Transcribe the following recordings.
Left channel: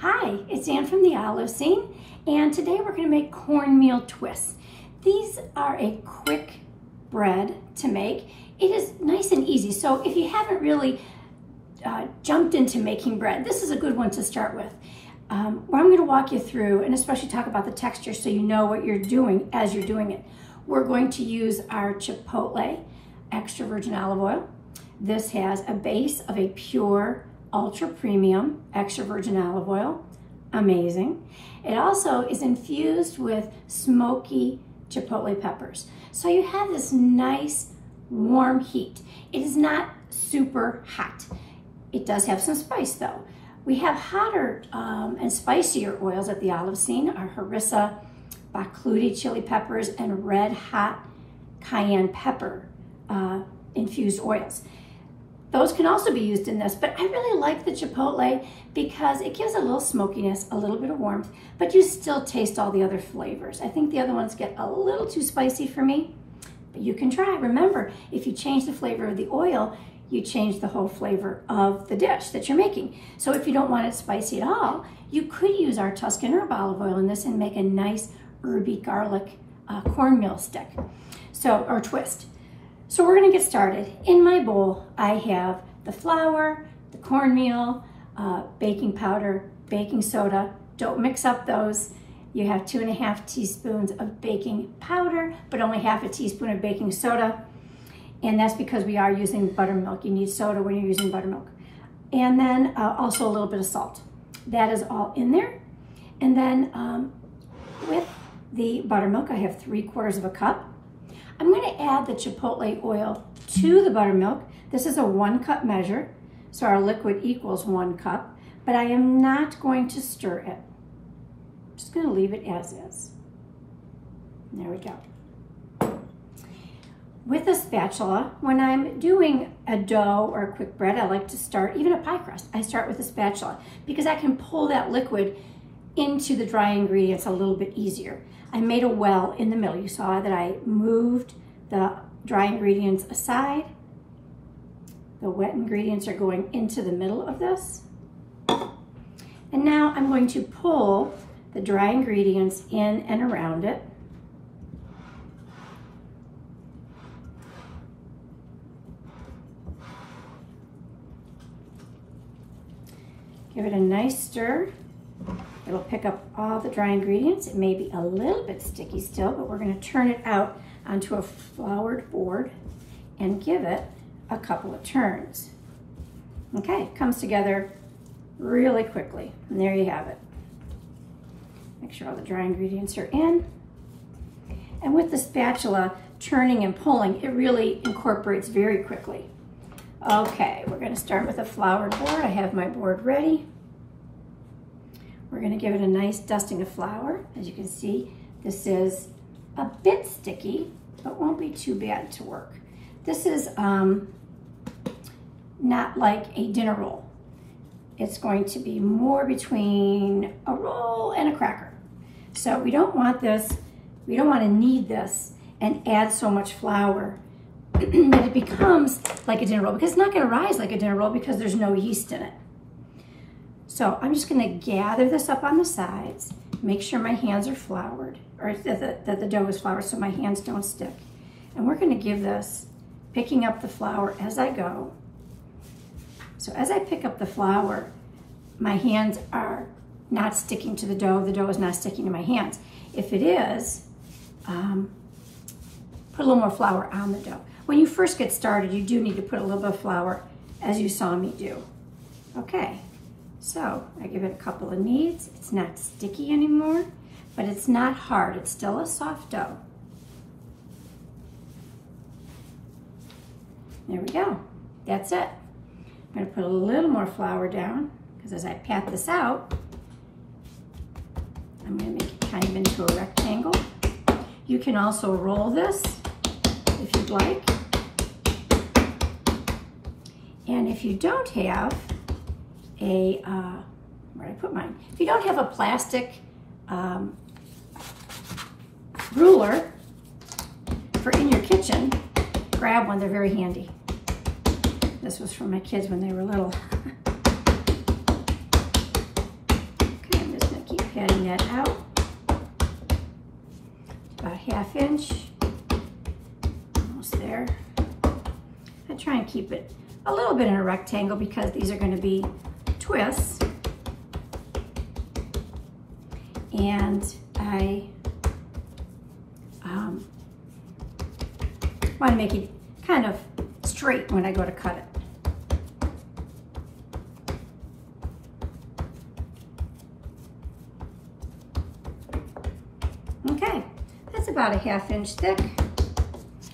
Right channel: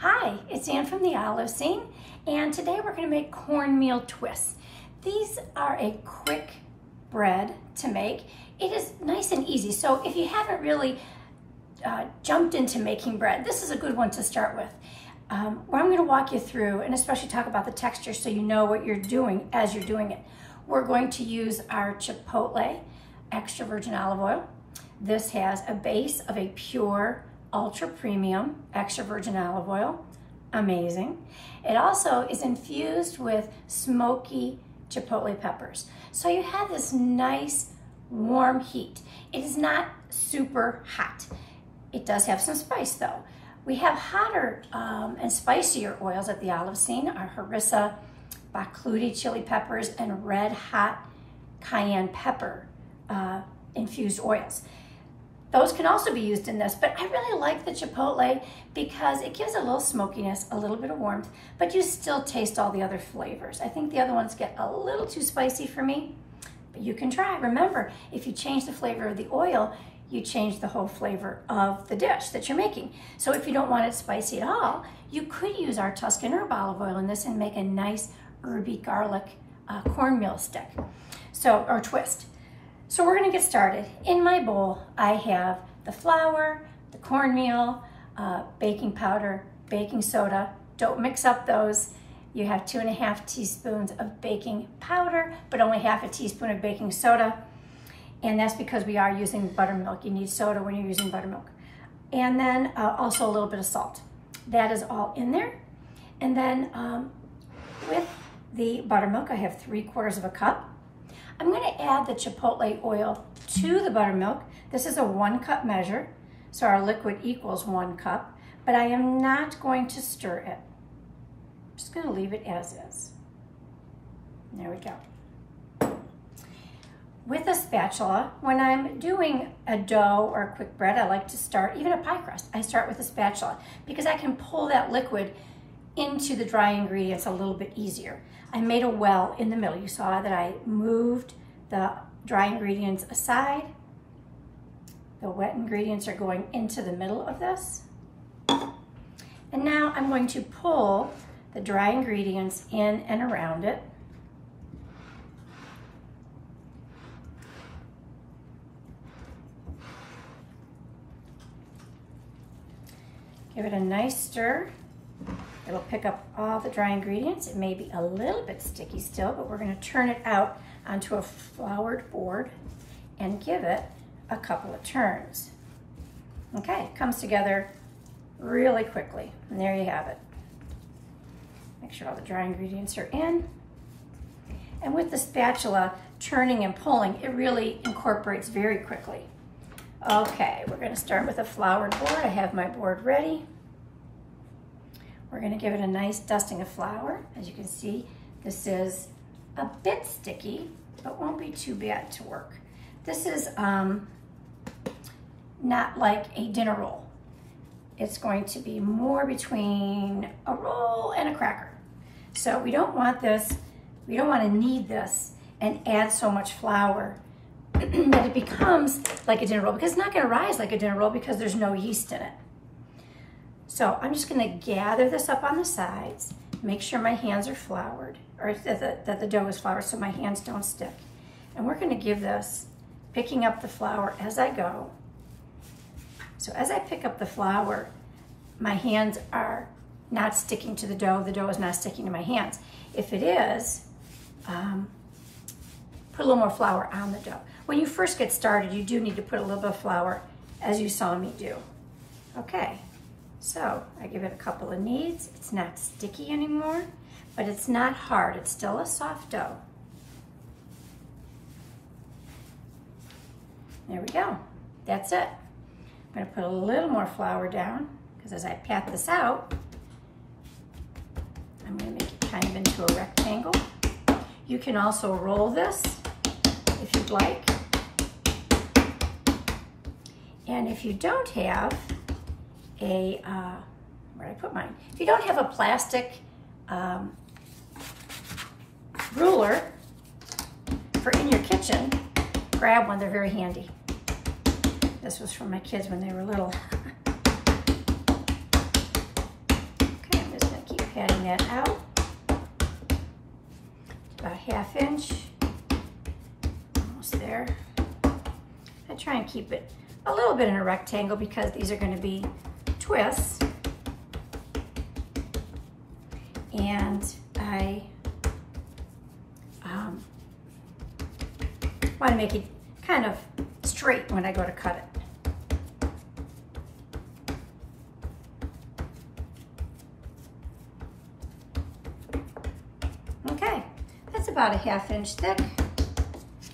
Hi, it's Ann from the Olive Scene, and today we're going to make cornmeal twists. These are a quick bread to make. It is nice and easy, so if you haven't really jumped into making bread, this is a good one to start with. Where I'm going to walk you through, and especially talk about the texture so you know what you're doing as you're doing it. We're going to use our chipotle extra virgin olive oil. This has a base of a pure ultra premium extra virgin olive oil. Amazing. It also is infused with smoky chipotle peppers. So you have this nice warm heat. It is not super hot. It does have some spice though. We have hotter and spicier oils at the Olive Scene, our harissa, bakludi chili peppers, and red hot cayenne pepper infused oils. Those can also be used in this, but I really like the chipotle because it gives a little smokiness, a little bit of warmth, but you still taste all the other flavors. I think the other ones get a little too spicy for me, but you can try. Remember, if you change the flavor of the oil, you change the whole flavor of the dish that you're making. So if you don't want it spicy at all, you could use our Tuscan herb olive oil in this and make a nice herby garlic cornmeal stick, or twist. So we're gonna get started. In my bowl, I have the flour, the cornmeal, baking powder, baking soda. Don't mix up those. You have 2.5 teaspoons of baking powder, but only half a teaspoon of baking soda. And that's because we are using buttermilk. You need soda when you're using buttermilk. And then also a little bit of salt. That is all in there. And then with the buttermilk, I have 3/4 cup. I'm going to add the chipotle oil to the buttermilk. This is a 1 cup measure, so our liquid equals 1 cup, but I am not going to stir it. I'm just going to leave it as is. There we go. With a spatula, when I'm doing a dough or a quick bread, I like to start, even a pie crust, I start with a spatula because I can pull that liquid into the dry ingredients a little bit easier. I made a well in the middle. You saw that I moved the dry ingredients aside. The wet ingredients are going into the middle of this. And now I'm going to pull the dry ingredients in and around it. Give it a nice stir. It'll pick up all the dry ingredients. It may be a little bit sticky still, but we're going to turn it out onto a floured board and give it a couple of turns. Okay, it comes together really quickly. And there you have it. Make sure all the dry ingredients are in. And with the spatula turning and pulling, it really incorporates very quickly. Okay, we're going to start with a floured board. I have my board ready. We're going to give it a nice dusting of flour. As you can see, this is a bit sticky, but won't be too bad to work. This is not like a dinner roll. It's going to be more between a roll and a cracker. So we don't want this, we don't want to knead this and add so much flour that it becomes like a dinner roll, because it's not going to rise like a dinner roll because there's no yeast in it. So I'm just going to gather this up on the sides, make sure my hands are floured, or that the dough is floured so my hands don't stick. And we're going to give this, picking up the flour as I go. So as I pick up the flour, my hands are not sticking to the dough is not sticking to my hands. If it is, put a little more flour on the dough. When you first get started, you do need to put a little bit of flour, as you saw me do. Okay. So I give it a couple of kneads. It's not sticky anymore, but it's not hard. It's still a soft dough. There we go. That's it. I'm going to put a little more flour down because as I pat this out, I'm going to make it kind of into a rectangle. You can also roll this if you'd like. And if you don't have where'd I put mine? If you don't have a plastic ruler for in your kitchen, grab one. They're very handy. This was from my kids when they were little. that out. About a 1/2 inch. Almost there. I try and keep it a little bit in a rectangle because these are going to be twists. And I want to make it kind of straight when I go to cut it. Okay, that's about a 1/2 inch thick,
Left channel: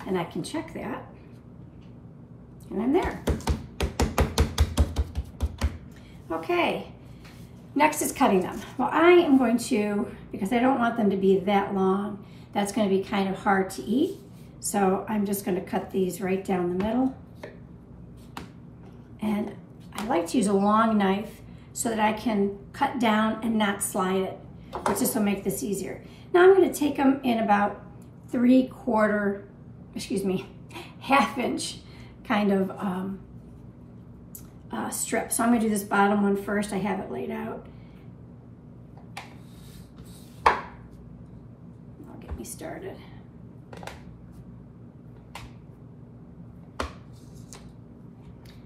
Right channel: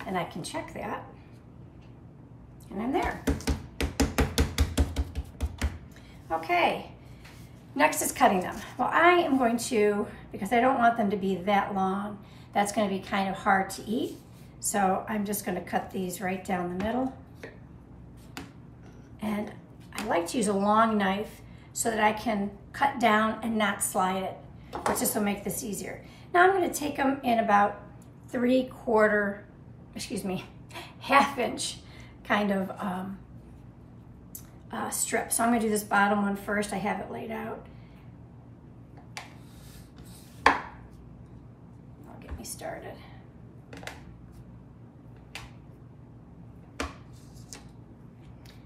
and I can check that, and I'm there. Okay, next is cutting them. Well, I am going to, because I don't want them to be that long, that's going to be kind of hard to eat, so I'm just going to cut these right down the middle. And I like to use a long knife so that I can cut down and not slide it, which just will make this easier. Now I'm going to take them in about 1/4 inch kind of strip. So I'm going to do this bottom one first. I have it laid out. That'll get me started.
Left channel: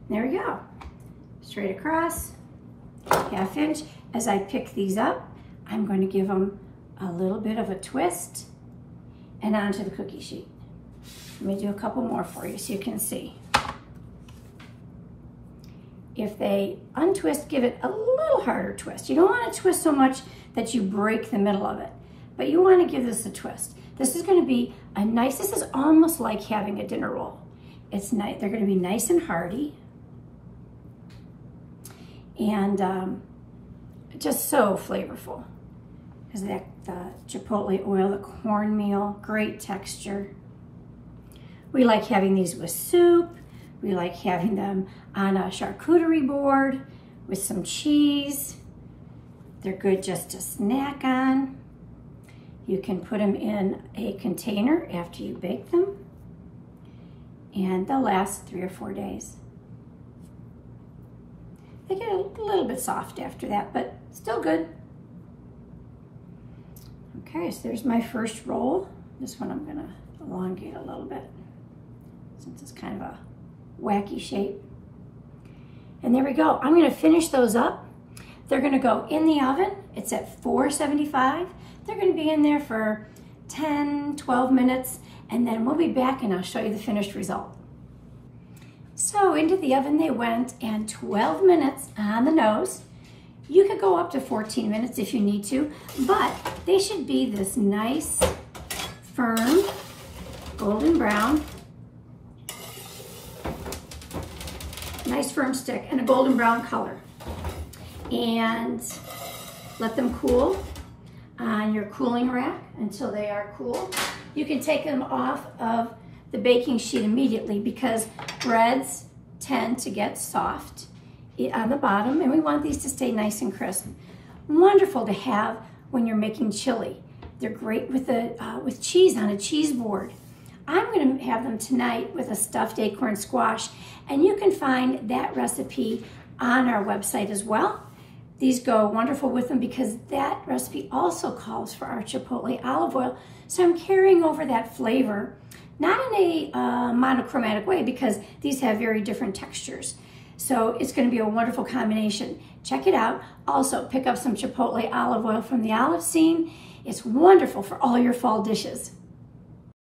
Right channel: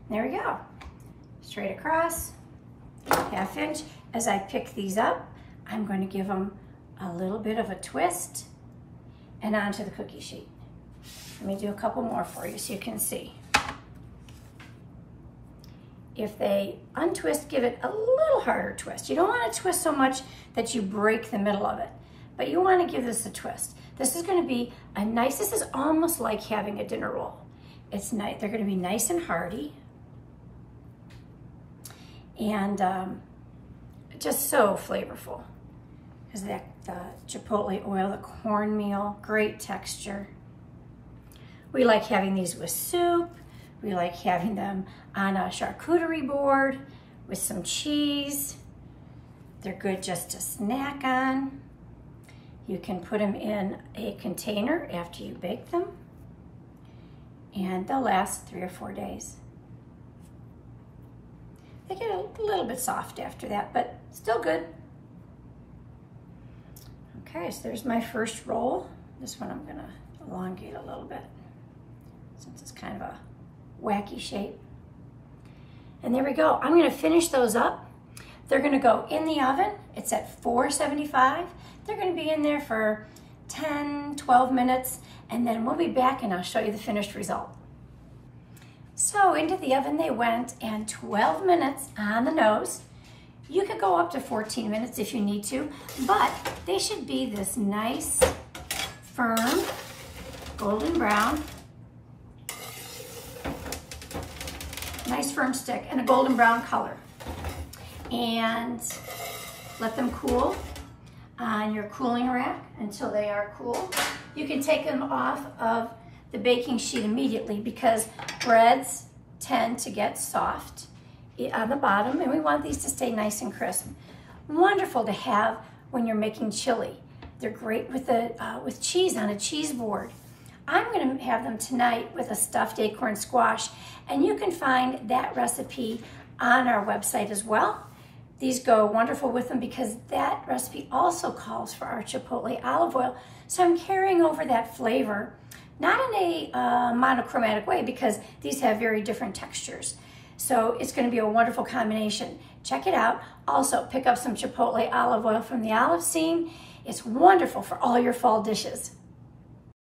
There we go. Straight across, 1/2 inch. As I pick these up, I'm going to give them a little bit of a twist and onto the cookie sheet. Let me do a couple more for you so you can see. If they untwist, give it a little harder twist. You don't want to twist so much that you break the middle of it, but you want to give this a twist. This is going to be a nice, this is almost like having a dinner roll. It's nice, they're going to be nice and hearty. And just so flavorful. Because that chipotle oil, the cornmeal, great texture. We like having these with soup. We like having them on a charcuterie board with some cheese. They're good just to snack on. You can put them in a container after you bake them, and they'll last 3 or 4 days. They get a little bit soft after that, but still good. Okay, so there's my first roll. This one I'm gonna elongate a little bit since it's kind of a wacky shape. And there we go. I'm gonna finish those up. They're gonna go in the oven. It's at 475. They're gonna be in there for 10, 12 minutes, and then we'll be back and I'll show you the finished result. So into the oven they went, and 12 minutes on the nose. You could go up to 14 minutes if you need to, but they should be this nice, firm, golden brown. Nice firm stick and a golden brown color. And let them cool on your cooling rack until they are cool. You can take them off of the baking sheet immediately because breads tend to get soft on the bottom, and we want these to stay nice and crisp. Wonderful to have when you're making chili. They're great with cheese on a cheese board. I'm going to have them tonight with a stuffed acorn squash, and you can find that recipe on our website as well. These go wonderful with them because that recipe also calls for our chipotle olive oil. So I'm carrying over that flavor, not in a monochromatic way because these have very different textures. So it's going to be a wonderful combination. Check it out. Also, pick up some chipotle olive oil from the olive scene. It's wonderful for all your fall dishes.